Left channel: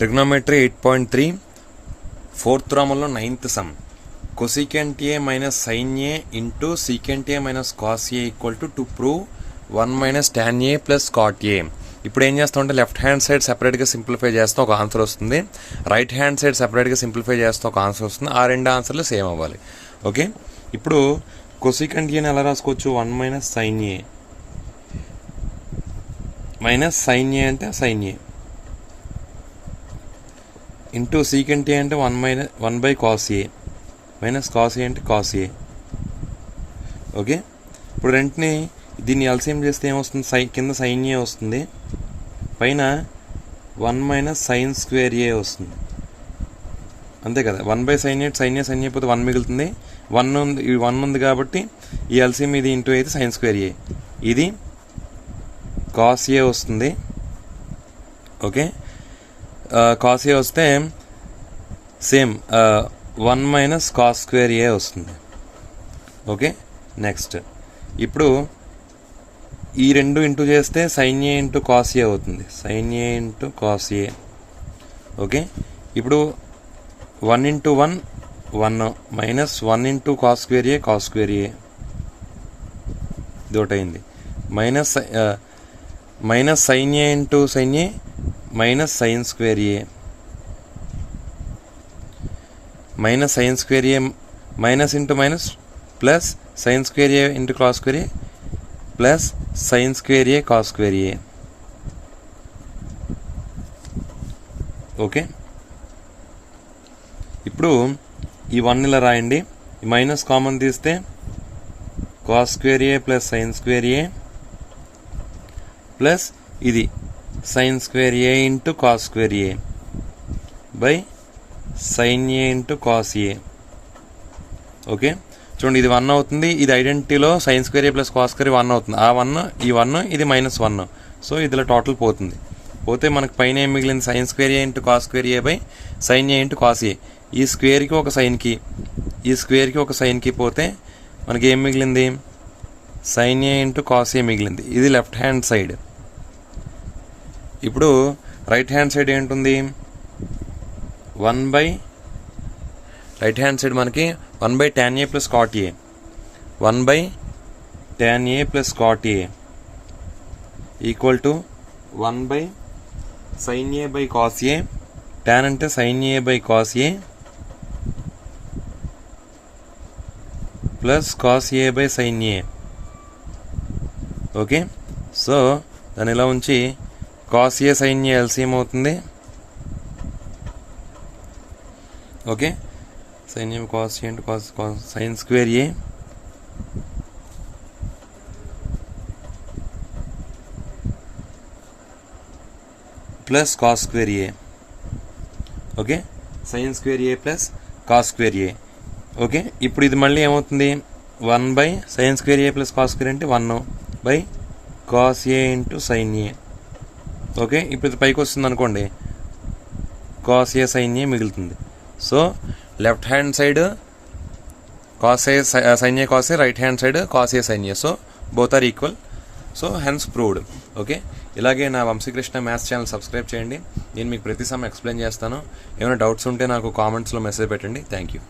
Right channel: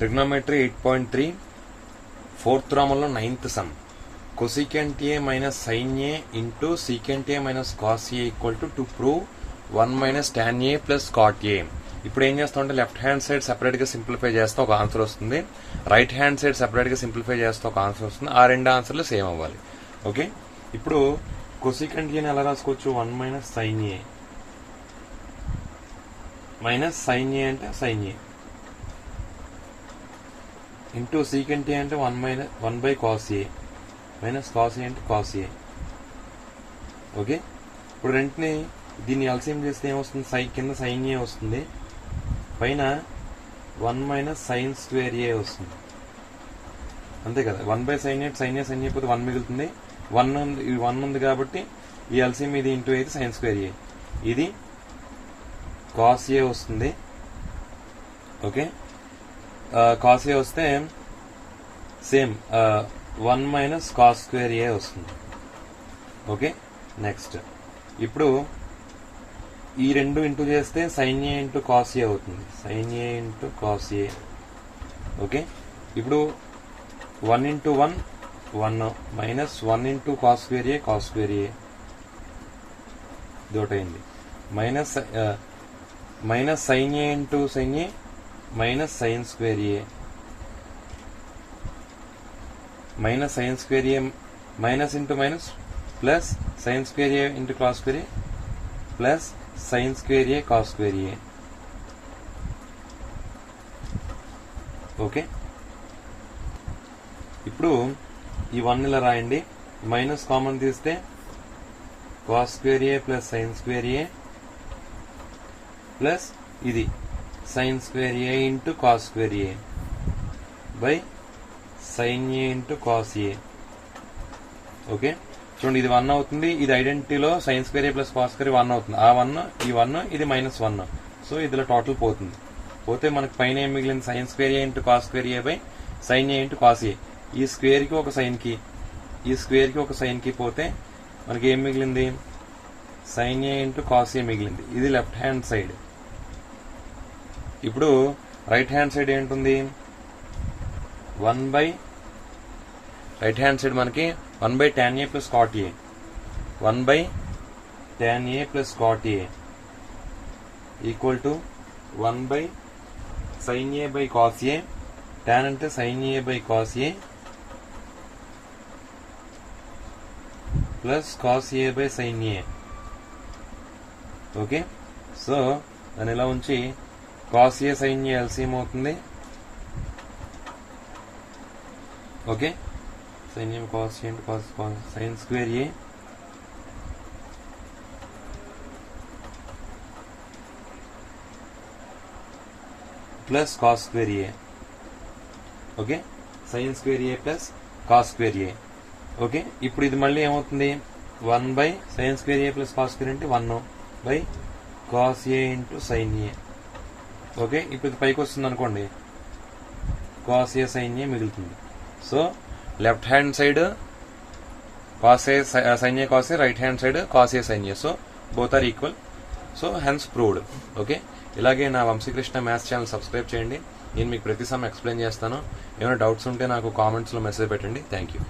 Trigonometry 8.3 4th Romanలో 9th sum. Cosecant A minus sin A into secant A minus cos A equal to prove 1 minus tan A plus cot A. ఇప్పుడు ఏం చేస్తామంటే left hand side సెపరేట్గా simplify చేస్తే ఒక answer వస్తుంది, right hand side సెపరేట్గా simplify చేస్తే ఒక ఆన్సర్ వస్తుంది. ఆ రెండు ఆన్సర్లు సేమ్ అవ్వాలి. ఓకే, ఇప్పుడు కొసికెంట్ ఏని ఎలా రాసుకోవచ్చు? 1 minus sine a minus sine ఏ అంటే సైన్ ఏ ఇంటూ సీకెంట్ ఏ అంటే 1 by cos A minus cos A అంటే కాస్ ఏ. ఓకే, ఇప్పుడు రెంట్ని దీన్ని ఎల్సిఎం చేస్తే ఏమొస్తుంది? కింద సైన్ ఏ వస్తుంది, పైన 1 మైనస్ సైన్ స్క్వేర్ ఏ వస్తుంది. అంతే కదా, 1 బై సైన్ ఏ సైన్ ఏ పోతే 1 మిగులుతుంది. 1 ఉంది కాబట్టి ఈ ఎల్సిఎం ఇది ఇంటూ అయితే సైన్ స్క్వేర్ ఏ, ఇది కాస్ ఏ వస్తుంది. ఓకే, కాస్ ఏ వస్తే same 1 minus cos square a వస్తుంది. ఓకే, నెక్స్ట్ ఇప్పుడు ఈ రెండు ఇంటూ చేస్తే sine a into cos a అవుతుంది, sine a into cos a. Okay, ఇప్పుడు 1 into 1 1 minus 1 into cos square a దోటైంది. Minus sine a into sign a minus sine square a minus sine square a minus into minus plus sine square a into cos square A plus sine square A cos square A. Okay, ఇప్పుడు ఈ 1 ఇలా రాయండి, minus common తీస్తే cos square ఏ plus sine square ఏ plus ఇది sign square a into cos square A by sine a into cos a. Okay, చూడండి ఇది 1 అవుతుంది, ఇది ఐడెంటిటీలో సైన్ స్క్వేర్ ఏ ప్లస్ కాస్ స్క్వేర్ 1 అవుతుంది. ఆ 1 ఈ 1 ఇది -1, సో ఇదిలో టోటల్ పోతుంది. పోతే మనకు పైన ఏం మిగిలింది? Sign square a into cos square A by sine a into cos ఏ. ఈ స్క్వేర్కి ఒక సైన్కి ఈ స్క్వేర్కి ఒక సైన్కి పోతే మనకి ఏం మిగిలింది? Sine a into cos a మిగిలింది. ఇది లెఫ్ట్ హ్యాండ్ సైడ్. ఇప్పుడు రైట్ హ్యాండ్ సైడ్ ఏంటుంది? 1 బై రైట్ హ్యాండ్ సైడ్ మనకి 1 by tan a plus cot a 1 by tan a plus cot a equal to 1 by sine a by cos a. tan అంటే sine a by cos a plus cos a by sine A. Okay, so దాన్ని ఇలా ఉంచి cos ఏ sign ఏ LCM అవుతుంది. Okay, sin A cos A అంటే cos sin square A plus cos square A. Okay, sin square A plus cos square A. Okay, ఇప్పుడు ఇది మళ్ళీ ఏమవుతుంది? 1 by sin square A plus cos square అంటే 1 by cos A into sign A. Okay, ఇప్పుడు ఇది పైకి వస్తుంది అనుకోండి, కాస్ ఏ సైన్ ఏ మిగులుతుంది. So left hand side cos A sign A cos A, right hand side cos A sign A. So both are equal. So hence proved. Okay, ఇలాగే నా Vamsikrishna maths channel subscribe చేయండి. నేను మీకు ప్రతి some explain చేస్తాను. ఏమైనా doubts ఉంటే నాకు కామెంట్స్లో మెసేజ్ పెట్టండి. Thank you.